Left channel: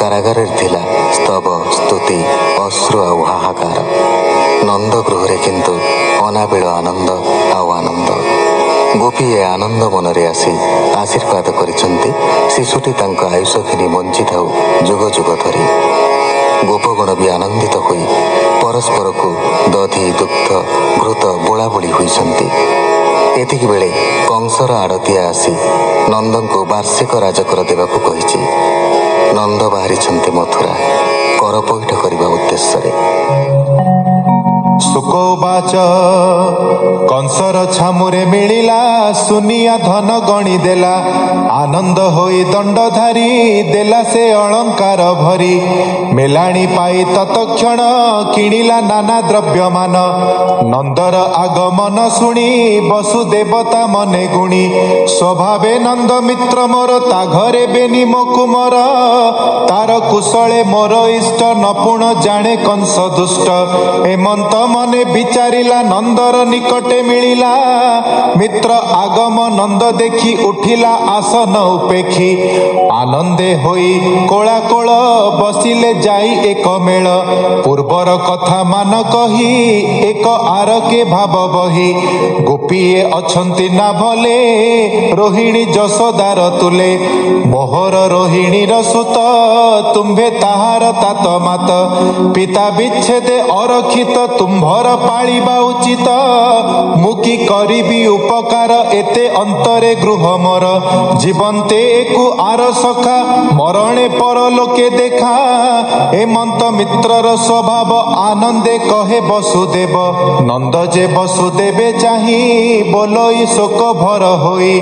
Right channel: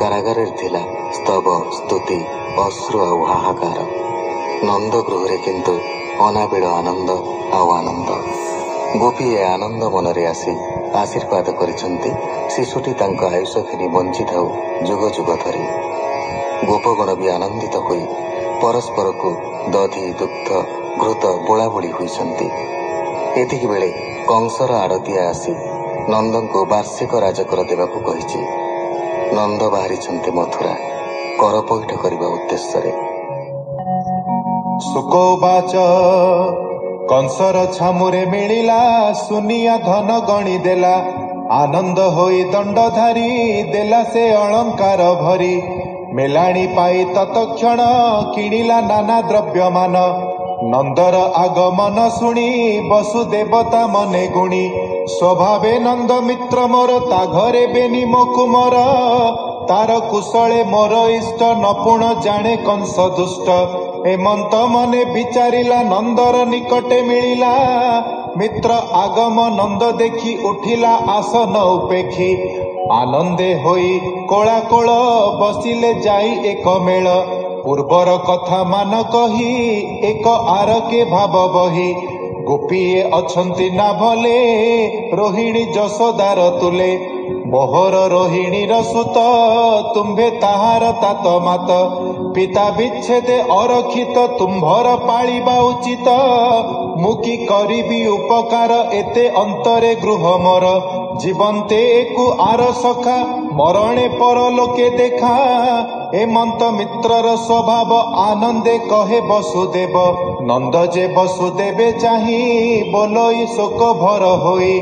କାରାଗାରରେ ଥିଲା ସ୍ତବ ସ୍ତୁତି ଅଶ୍ରୁ ଆଉ ହାହାକାର। ନନ୍ଦ ଗୃହରେ କିନ୍ତୁ ଅନାବିଳ ଆନନ୍ଦ ଆଉ ଆନନ୍ଦ। ଗୋପୀଏ ଆନନ୍ଦ ମନରେ ଆସି ଆଶୀର୍ବାଦ କରିଛନ୍ତି ଶିଶୁଟି ତାଙ୍କ ଆୟୁଷ ଘେନି ବଞ୍ଚିଥାଉ ଯୁଗ ଯୁଗ ଧରି। ଗୋପଗଣ ବି ଆନନ୍ଦିତ ହୋଇ ପରସ୍ପରକୁ ଦଧି ଦୁଗ୍ଧ ଘୃତ ବୋଳାବୋଳି ହୋଇଛନ୍ତି। ଏତିକିବେଳେ କଂସର ଆଡ଼ତିଆ ଆସି ନନ୍ଦଙ୍କୁ ବାର୍ଷିକ ରାଜକର ଦେବାକୁ କହିଛି। ନନ୍ଦ ବାହାରିଛନ୍ତି ମଥୁରା କର ପଇଠ କରିବା ଉଦ୍ଦେଶ୍ୟରେ। ଶୁକବାଚ କଂସର ଛାମୁରେ ମିଳିଲା ସୁନିଆ ଧନ ଗଣି ଦେଲା। ଆନନ୍ଦ ହୋଇ ଦଣ୍ଡଧାରୀ ଦେଲା ସେ ଅଳଙ୍କାର ଭରି। ମେଲାଣି ପାଇ ତତକ୍ଷଣ କିଣିଲା ନାନା ଦ୍ରବ୍ୟମାନ। ନନ୍ଦର ଆଗମନ ଶୁଣି ବସୁଦେବତା ମନେ ଗୁଣି। ସ୍ୱଭାବେ ନନ୍ଦ ମିତ୍ର ମୋର ତା ଘରେ ବେନି ମୋ କୁମର। ତାର କୁଶଳେ ମୋର ଇଷ୍ଟ ନପୁଣ ଜାଣେ କଂସ ଦୁଷ୍ଟ। ଏମନ୍ତ ମନେ ବିଚାରିଲା ନନ୍ଦର ନିକଟେ ମିଳିଲା। ମିତ୍ର ଆଗମ ନନ୍ଦ ଦେଖି ଉଠିଲା ଆସନ ଉପେକ୍ଷୀ। ଆନନ୍ଦେ ହୋଇ କୋଳାକୋଳ ବସିଲେ ଯାଇ ଏକ ମେଳ। ପୂର୍ବର କଥା ମାନ କହି ଏକ ଆରକେ ଭାବ ବହି। ଗୋପୀଏ ଅଛନ୍ତି ନା ଭଲେ ରୋହିଣୀ ଯଶୋଦାର ତୁଲେ। ମୋହର ରୋହିଣୀର ସୁତ ତୁମ୍ଭେ ତାହାର ତାତ ମାତ। ପିତା ବିଚ୍ଛେଦେ ଅରକ୍ଷିତ ତୁମ୍ଭର ପାଳିବା ଉଚିତ। ମୁଁ କି କରିବି ଉପକାର ଏତେ ଅନ୍ତରେ ଗୃହ ମୋର। ଜୀବନ୍ତେ ଏକୁ ଆର ସଖା ମରଣେ ପରଲୋକେ ଦେଖା। ଏମନ୍ତ ମିତ୍ରର ସ୍ୱଭାବ ଆନନ୍ଦେ କହେ ବସୁଦେବ। ନନ୍ଦ ଯେ ବସୁଦେବେ ଚାହିଁ ବୋଲଇ ଶୋକ ଭର ହୋଇ।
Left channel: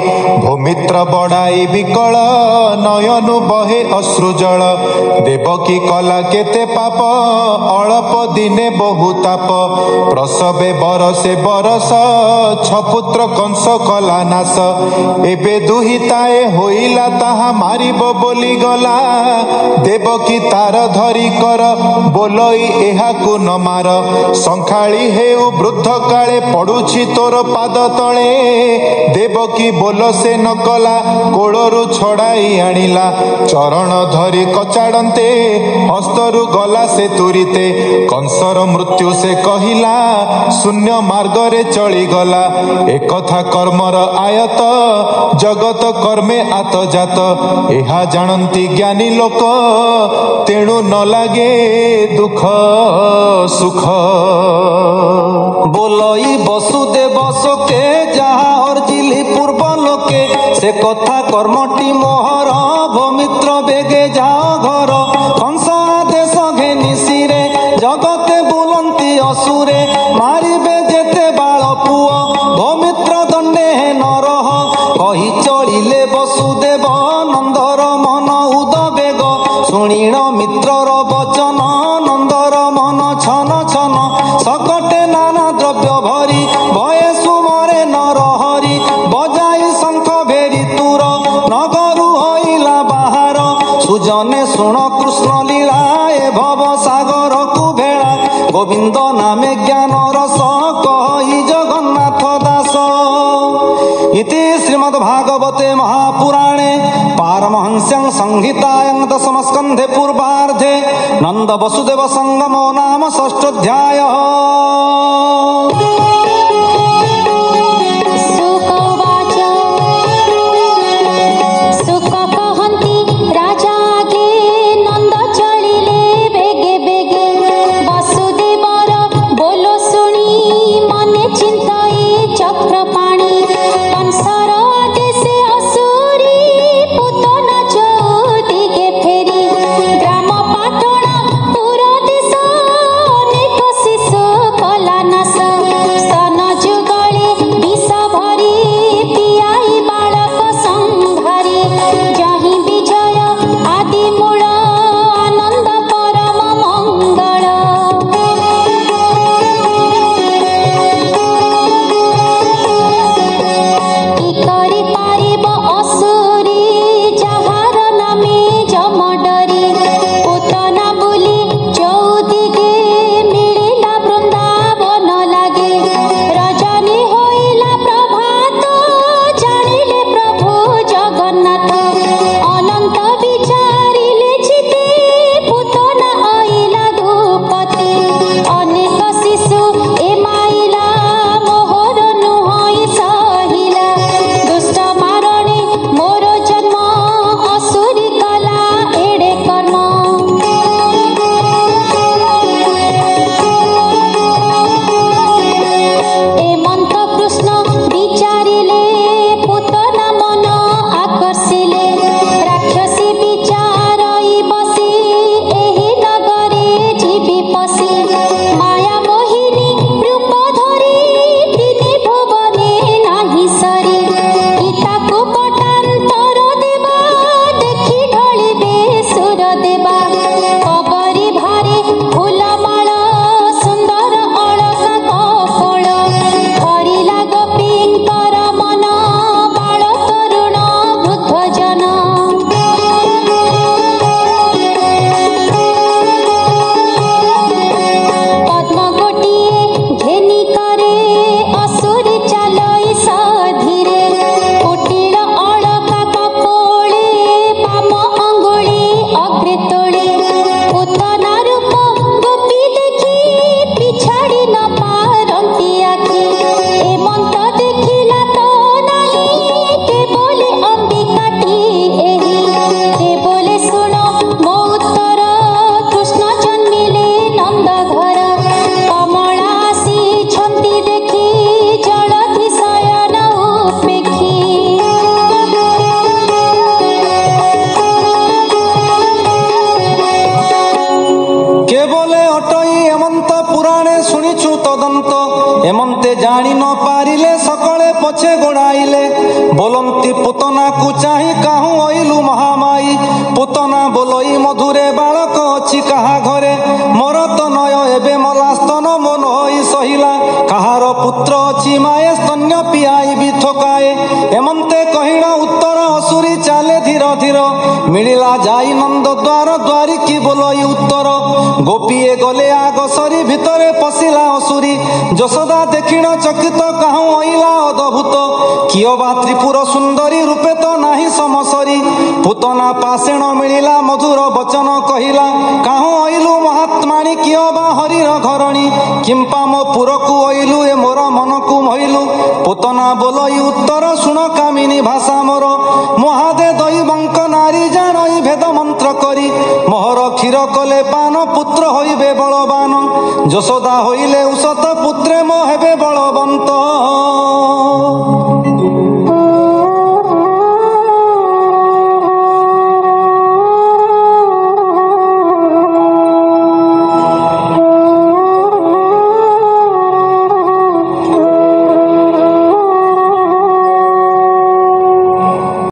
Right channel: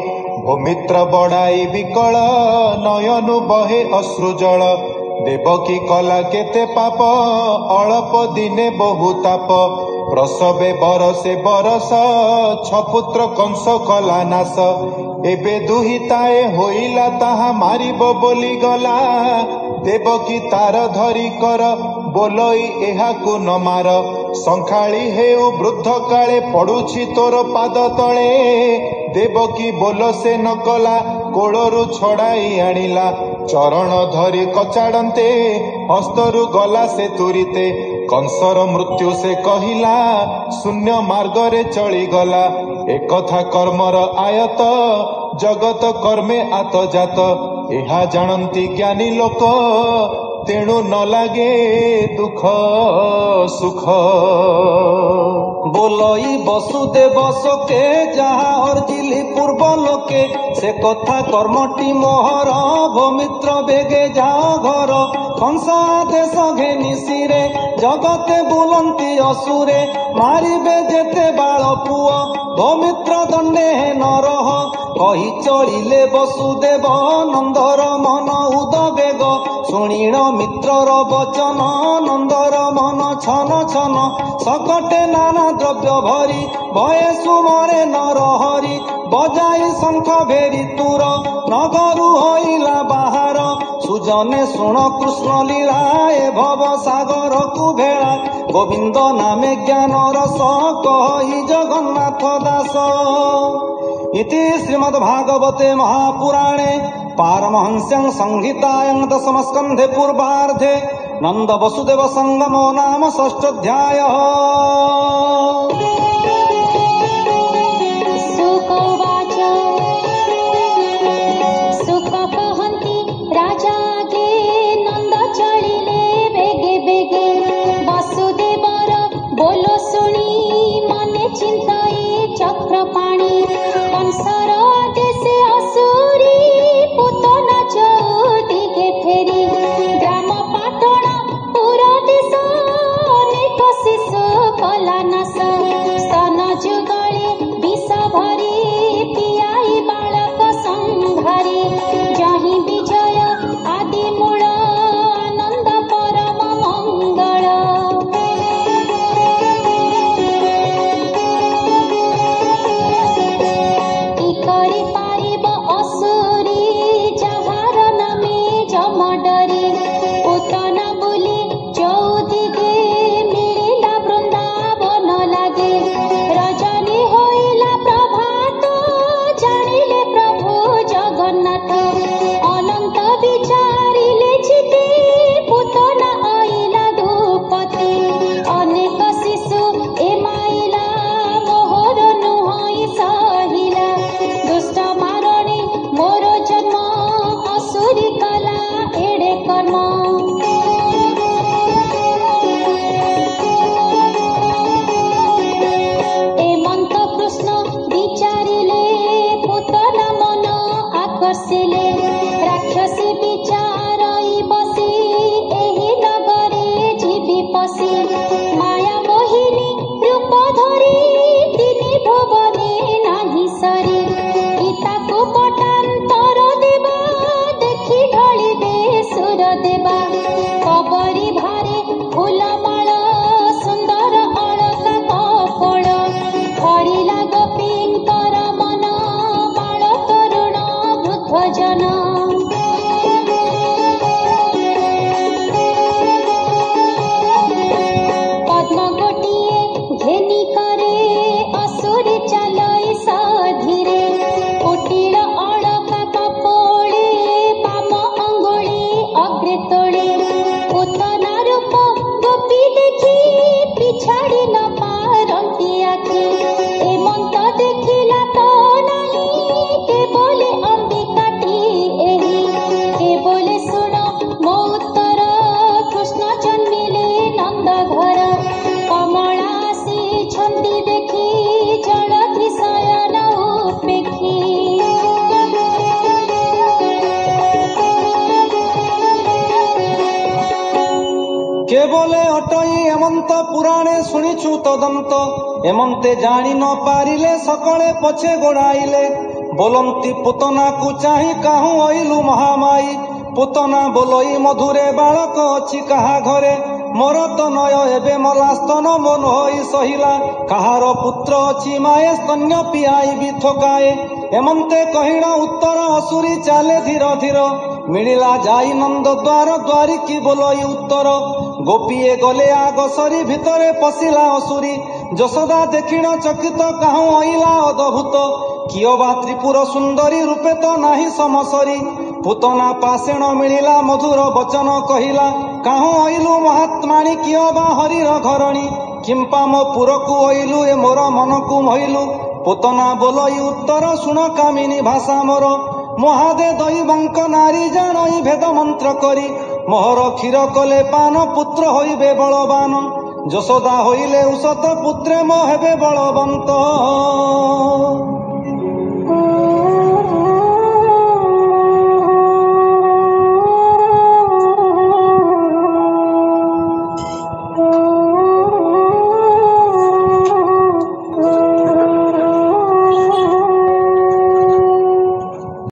ଭୂମିତ୍ର ବଡ଼ାଇ ବିକଳ ନୟନୁ ବହେ ଅଶ୍ରୁଜଳ। ଦେବକୀ କଲା କେତେ ପାପ ଅଳପ ଦିନେ ବହୁ ତାପ। ପ୍ରସବେ ବରସେ ବରସ ଛପୁତ୍ର କଂସ କଲା ନାଶ। ଏବେ ଦୁହିତାଏ ହୋଇଲା ତାହା ମାରିବ ବୋଲି ଗଲା। ଦେବକୀ ତାର ଧରି କର ବୋଲଇ ଏହାକୁ ନ ମାର। ସଂଖାଳି ହେଉ ବୃଦ୍ଧ କାଳେ ପଡୁଛି ତୋର ପାଦ ତଳେ। ଦେବକୀ ବୋଲ ସେ ନ କଲା କୋଳରୁ ଛଡାଇ ଆଣିଲା। ଚରଣ ଧରି କଚାଡନ୍ତେ ହସ୍ତରୁ ଗଲା ସେ ତୁରିତେ। କଂସର ମୃତ୍ୟୁ ସେ କହିଲା ଶୂନ୍ୟ ମାର୍ଗରେ ଚଳିଗଲା। ଏକଥା କର୍ମର ଆୟତ ଜଗତ କର୍ମେ ଆତଜାତ। ଏହା ଜାଣନ୍ତି ଜ୍ଞାନୀ ଲୋକ ତେଣୁ ନ ଲାଗେ ଦୁଃଖ ସୁଖ। ବୋଲଇ ବସୁଦେବ ଶୋକେ ଯାହା ଅର୍ଜିଲି ପୂର୍ବ ଲୋକେ। ସେ କଥା କର୍ମଟି ମୋହର ଭୂମିତ୍ର ବେଗେ ଯାଅ ଘର। କଂସ ଆଦେଶ ଘେନି ଶିରେ ଜଗତେ ବୁଲନ୍ତି ଅସୁରେ। ମାରିବେ ଯେତେ ବାଳ ପୁଅ ଭୂମିତ୍ର ଦଣ୍ଡେ ନରହ। କହି ଚଳିଲେ ବସୁଦେବ ନନ୍ଦର ମନ ଉଦବେଗ। ଶୁଣିଣ ମିତ୍ରର ବଚନ ନନ୍ଦର ମନ ଛନ ଛନ। ସକଟେ ନାନା ଦ୍ରବ୍ୟ ଭରି ଭଏ ସୁମରେ ନରହରି। ବଜାଇ ଶଙ୍ଖ ଭେରି ତୁର ନଗରୁ ହଇଲା ବାହାର। ସୁଜନେ ଶୁଣ କୃଷ୍ଣ ଲୀଳା ଏ ଭବ ସାଗରକୁ ଭେଳା। ଗୋବିନ୍ଦ ନାମେ ଜ୍ଞାନ ରସ କହି ଜଗନ୍ନାଥ ଦାସ। ଇତି ଶ୍ରୀମଦ୍ ଭାଗବତେ ମହାପୁରାଣେ ପାରମହଂସ୍ୟାଂ ସଂହିତାୟାଂ ଦଶମ ସ୍କନ୍ଧେ ପୂର୍ବାର୍ଦ୍ଧେ ନନ୍ଦ ବସୁଦେବ ସଙ୍ଗମो ନାମ ଷଷ୍ଠୋଧ୍ୟାୟଃ। ଗ୍ରାମ ପାଟଣା ପୁର ଦେଶ ଅନେକ ଶିଶୁ पसी माया मोहिनी रूप धरी दिने भुवने नाही सरी गीताको पटान्तर देवा देखि ढलिबे सुर देवा कबरी भारे फूलमाळ सुन्दर अलका कपोळ धरिला गोपींकर मन बाळ तरुण वृद्ध जन पद्म गोटिए घेनी करे असुरी चालई साधीरे कुटिल अलका कपोळे पाम अंगुळी अग्रे तोळे पूतना रूप गोपी देखी पिछाड़ी न पारंती आखि एमंत देखिला तो नाही के बोले अंबिकाटी एही के बोले सुन मो उत्तर कृष्ण जन्मिले नंद घर कमलासी छंती देखी जलधि शयन उपेक्षी केवले अटई एमंत पुराणे शुणिछु तदंत एमंते जानी न पारिले सकले पछे गोड़ाइले बोलंती पुतना को चाही काहू अइलु महामाई पुतना बोलई मधुरे बालक अछि काहा घरे मोर तो नय एबे मलास्तन मन होई सहिला काहार पुत्र अछि माए स्तन्य पियाई भी थकाए एमंते कहिला उत्तर असुरी चाले धीर धीर मिलिला जाई नंद द्वार द्वारी की बोलई उत्तर गोपीए गले आग सरी भितरे पशिला असुरी यशोदा देखिण चकित काहू अइला अद्भुत कियो बा त्रिपुर सुंदरी रूपे तो नाही समसरी पुतना पासेण मिलिला मधुर वचन कहिला काहू अइलु महात्माणी कियो बा हरिर घरणी किंपा मो पुरकु अइलु ए मोर मनकु मोहिलु पुतना बोलई उत्तर सुण कामिनी भाषा मोर महादे दैवंक नारी जानई भेद मंत्र करी मोहर क्षीर कले पान पुत्र होइबे बलवान यशोदा होइले उषत पुत्रे मो